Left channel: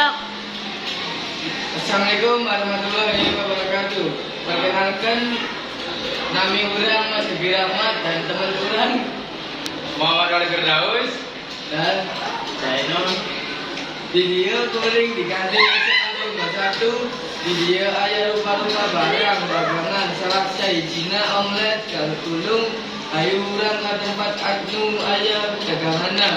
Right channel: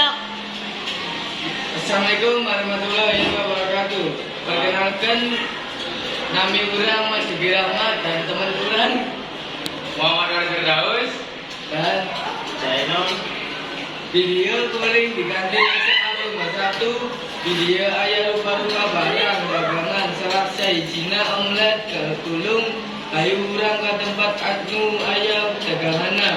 Sok. Assalamualaikum warahmatullahi wabarakatuh. Perkenalkan, nami urang Mas Sugi Rahmat dan teman urang Muhammad Wali Firdaus dan Zainal. Video kuring diganti satu video ayah lupa barang dagangan salah Cina omlet kalau tulung ayu urang ke tempat anu ayah dagangana.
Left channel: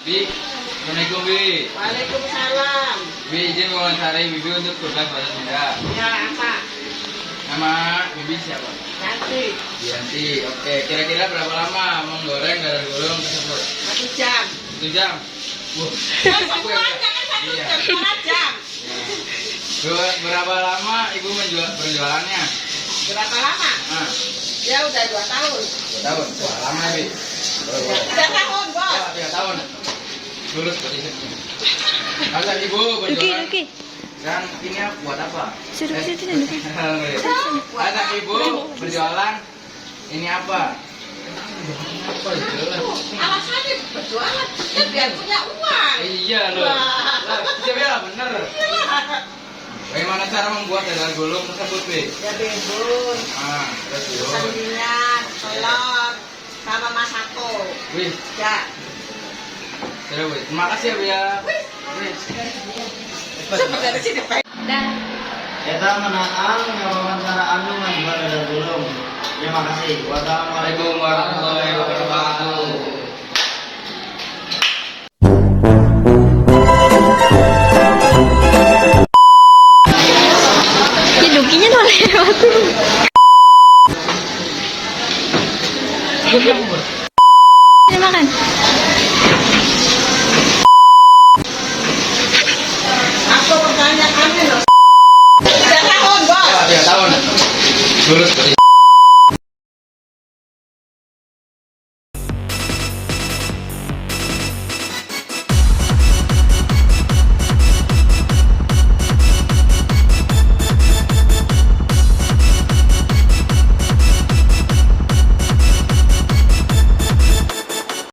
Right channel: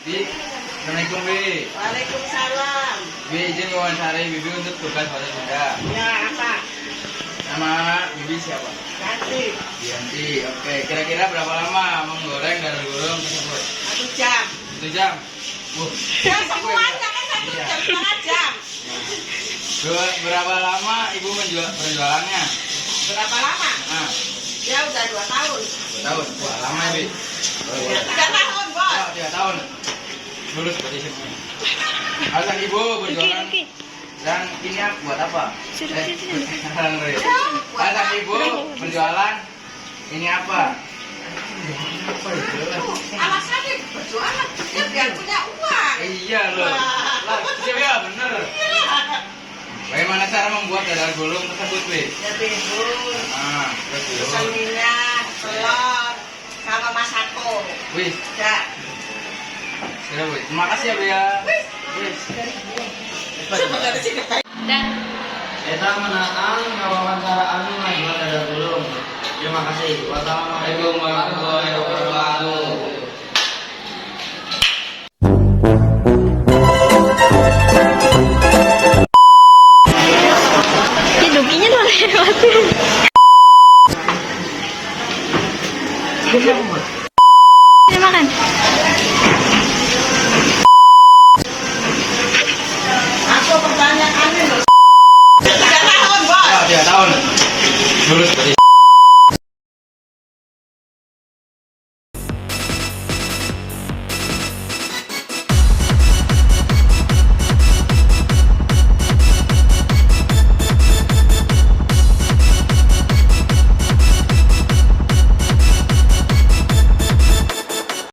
Bi, Assalamualaikum Bi. Waalaikumsalam. Bi, izin wawancarai Bibi untuk tugas bahasa Sunda. Ya, apa? Nama Bibi siapa? Yanti. Yanti. Oke, kira-kira berapa lama menggoreng dadar gulung tersebut? 1 jam. 1 jam. Ya, semuanya kan 1 Iya. jam, setengah jam. Berapa lama Ibu berjualannya? Berapa lama? Nah, Ya udah 2 tahun. 2 tahun. Wah, lama ya, Bi. 3 tahun, Bos. Oh, 3 tahun. Lulus isipnya. Halo Ibu berjualan. Dan ini buat apa? Halo Ibu berjualan. Ini apa? Apa itu? Alasannya berjualan, ya biar punya uang. Iya loh. Lah, ya bener. Bagaimana cara membuat dadar gulung tersebut, Bi? Ya bihun, Terus dulu. minyak, telur, sama masako. Wis, Ya. sudah wis. Terima kasih ya, Bi ya. Wis. Coba dari sini, Pak. Kita menang wawancara anu membuat dadar gulung. Terima kasih. Assalamualaikum warahmatullahi wabarakatuh. Hidupnya udah lewat. Ini makan. Aku pertanyaannya loh. 3 tahun, Bos. Oh, 3 tahun. Lulus